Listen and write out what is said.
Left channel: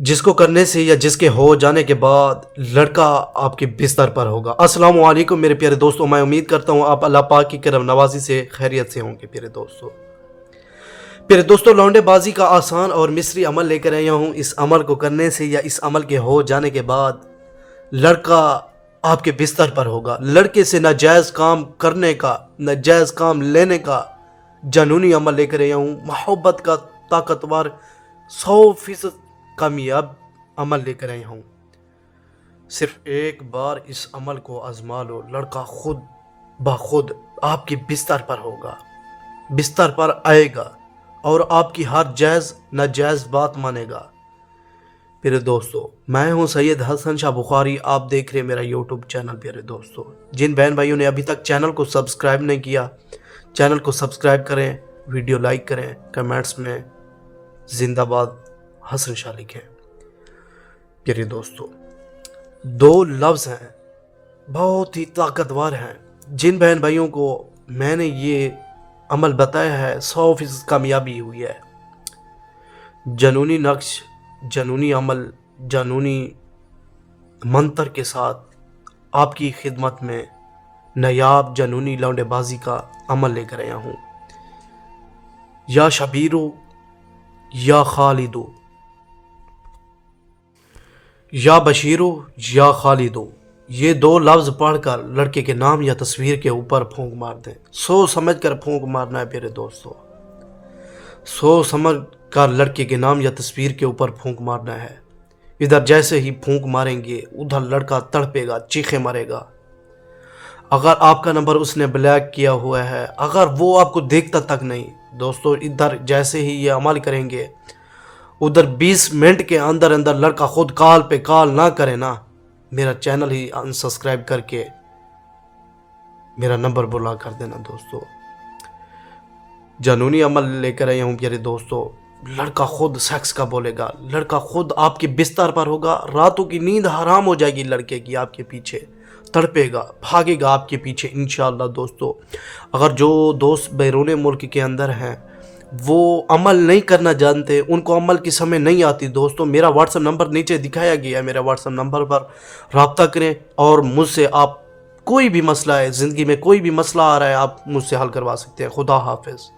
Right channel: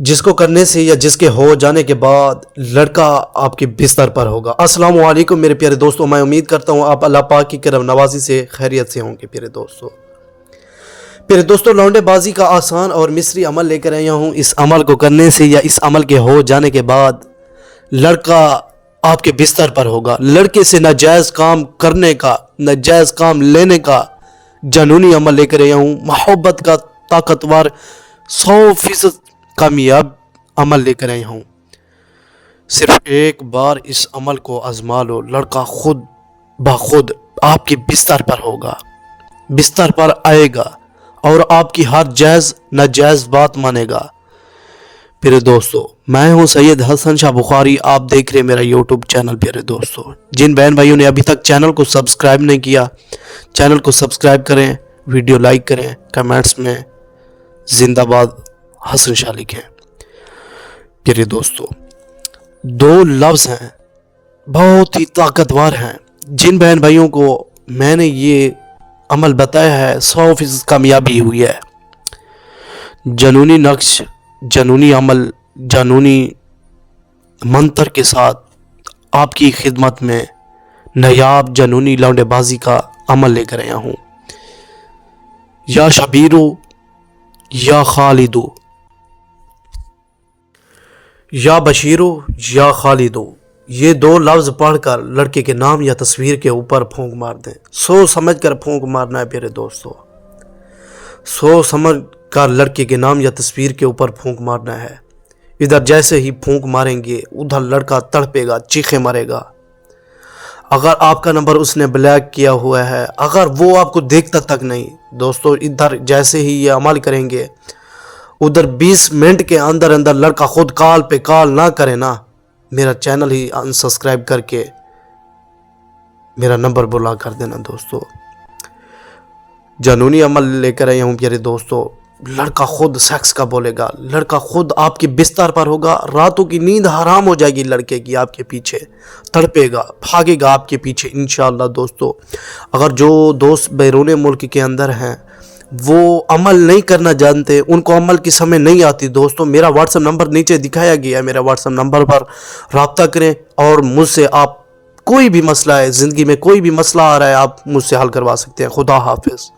جس کو کرنے سے یا جس کے ہو جانے کے بعد لڑکا آپ کے بستر پر ہوگا۔ السلام علیکم میرے پیارے دوستوں، میں امید کرتا ہوں آپ اللہ پاک کی کرم نوازی سے خیریت سے ہوں گے۔ پیارے دوستوں، لونڈے بازی کا آسان اور مصری عمل لے کر آیا ہوں۔ اس عمل کو کرنے سے یا اس عمل کے ہو جانے کے بعد لڑکا آپ کے بستر پر ہوگا۔ لڑکے سے ناجائز کام کرنے کا، ناجائز کام لینے کا جنونی عمل لے کر آیا ہوں۔ محبت کا طاقتور 100% کامیاب عمل لے کر آیا ہوں۔ صرف ایک بار اس عمل کو آزما لو، لڑکا خود بخود آپ کے بستر پر ہوگا، بستر پر آئے گا اور آپ کی ہر جائز ناجائز بات مانے گا۔ پیارے دوستو، میں ہوں سید حسن شاہ بخاری، آپ دیکھ رہے میرا یوٹیوب چینل۔ پیارے دوستو، جن بہن بھائیوں نے ابھی تک چینل کو سبسکرائب نہیں کیا، چینل کو سبسکرائب کریں، ویڈیو لائک کریں، کمنٹس میں زندہ باد حسن شاہ لکھیں۔ پیارے دوستو، دو لفظ ہیں بہت ہی طاقتور ہیں، جن بہن بھائیوں کو میں نے یہ عمل بتایا ہے 100% کامیابی ہوئی ہے۔ جنونی نقش، جنونی عمل، جنونی منتر کے ساتھ آپ کی خدمت میں نایاب جنونی لونڈے بازی کا عمل لے کر آیا ہوں۔ یا شبیرو یا خالدو، یا بشیرو یا خالدو، یہ دو لفظ پڑھ کر لڑکے کے نام یا تصویر کے اوپر پھونک مار دیں۔ سوچ سمجھ کر پھونک مارنا ہے پیارے دوستو، سوچ سمجھ کر لڑکے کے نام یا تصویر کے اوپر پھونک مارنا ہے۔ ادھر جیسے ہی پھونک ماریں گے ادھر لڑکا تڑپے گا، چیخے مارے گا۔ اگر آپ کا نمبر اس نے بلیک کیا ہوا ہے، اگر وہ آپ کو دیکھتا تک نہیں، دوستو ادھر جیسے ہی یہ عمل کریں گے ادھر 20 منٹ کے اندر اندر لڑکا خود کال پہ کال نہ کرے نا، میرا چینل ہی انسبسکرائب کر کے میرا نمبر بلا کر دینا۔ دوستو، جنونی عمل لے کر آیا ہوں پیارے دوستو، لڑکا خود سیکس کا بولے گا، لڑکا خود آپ کے بستر پر ہوگا، راتوں کی نیند حرام ہو جائے گی لڑکے کی، آپ کے پیچھے تڑپے گا، بھاگے گا آپ کے پیچھے انشاءاللہ۔ دوستو، اگر جو دوست بیرون ملک کے اندر ہیں وہ عمل نہیں کرنا جانتے، ان کو عمل کی سمجھ نہیں آتی، دوستو میرا واٹس ایپ نمبر نیچے دکھایا گیا ہے، میرا واٹس ایپ نمبر پر رابطہ کریں اور مجھ سے آپ کوئی بھی مسئلہ ہے، زندگی میں کوئی بھی مسئلہ آ رہا ہے، آپ مجھ سے حل کروا سکتے ہیں۔ خدا حافظ۔